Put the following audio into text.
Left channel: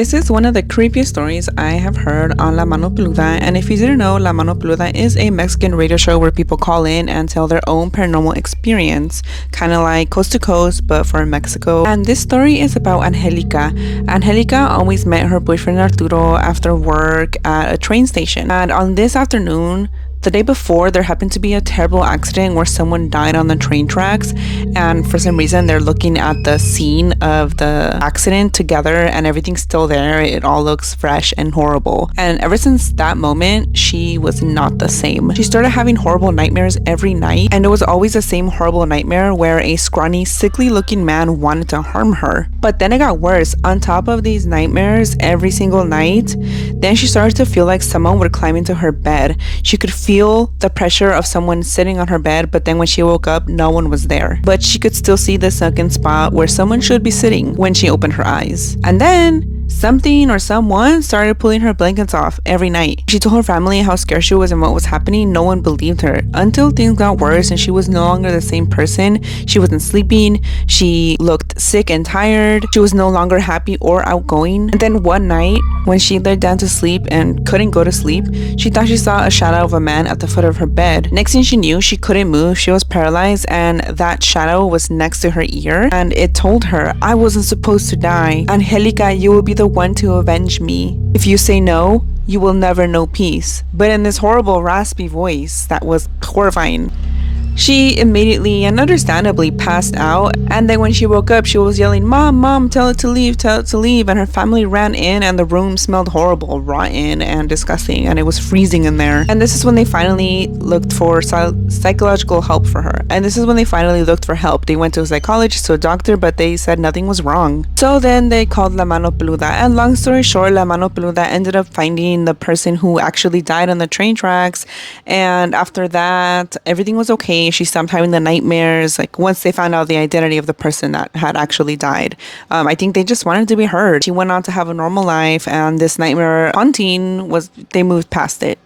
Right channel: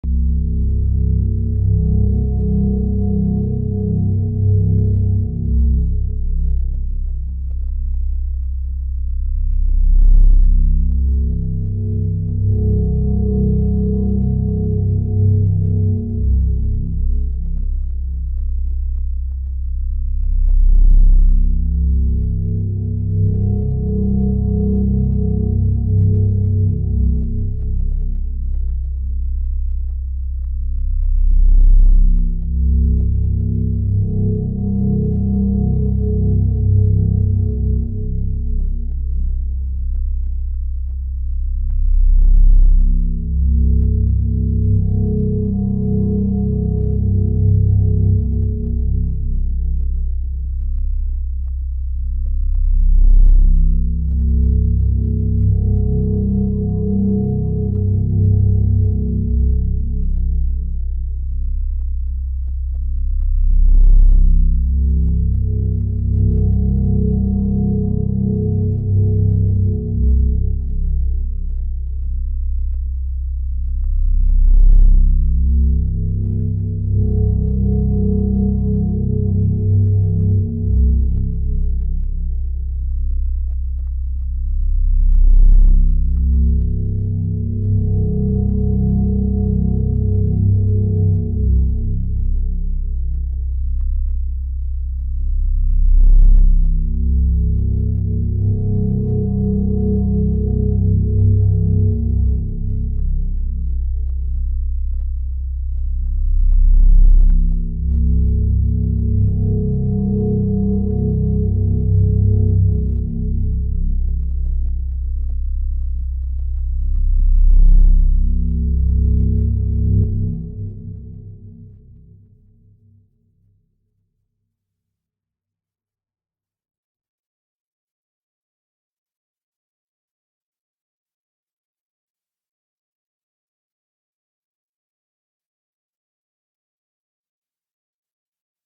This is one of the creepiest stories I have heard on La Mano Peluda, and if you didn't know, La Mano Peluda is a Mexican radio show where people call in and tell their own paranormal experience, kind of like Coast to Coast, but for Mexico. And this story is about Angelica. Angelica always met her boyfriend Arturo after work at a train station, and on this afternoon, the day before, there happened to be a terrible accident where someone died on the train tracks, and for some reason, they're looking at the scene of the accident together, and everything's still there. It all looks fresh and horrible. And ever since that moment, she was not the same. She started having horrible nightmares every night, and it was always the same horrible nightmare where a scrawny, sickly looking man wanted to harm her. But then it got worse. On top of these nightmares every single night, then she started to feel like someone would climb into her bed. She could feel the pressure of someone sitting on her bed, but then when she woke up, no one was there. But she could still see the sunken spot where someone should be sitting when she opened her eyes. And then something or someone started pulling her blankets off every night. She told her family how scared she was and what was happening. No one believed her until things got worse and she was no longer the same person. She wasn't sleeping. She looked sick and tired. She was no longer happy or outgoing. And then one night, when she laid down to sleep and couldn't go to sleep, she thought she saw a shadow of a man at the foot of her bed. Next thing she knew, she couldn't move. She was paralyzed, and that shadow was next to her ear, and it told her, "I wasn't supposed to die. Angelica, you will be the one to avenge me. If you say no, you will never know peace." But in this horrible raspy voice that was horrifying. She immediately and understandably passed out, and then when she woke up, she was yelling, "Mom, Mom, tell it to leave, tell it to leave." And her family ran in, and the room smelled horrible, rotten, and disgusting, and it was freezing in there. And this is when they finally looked for psychological help for her. And this is when they finally looked for help. They went to a psychologist, to a doctor, but they said nothing was wrong. So then they called La Mano Peluda, and long story short, La Mano Peluda ended up finding the person who actually died on the train tracks, and after that, everything was okay. She stopped having the nightmares, like once they found out the identity of the person that had actually died. I think they just wanted to be heard. She went on to have a normal life, and this nightmare haunting they moved past it.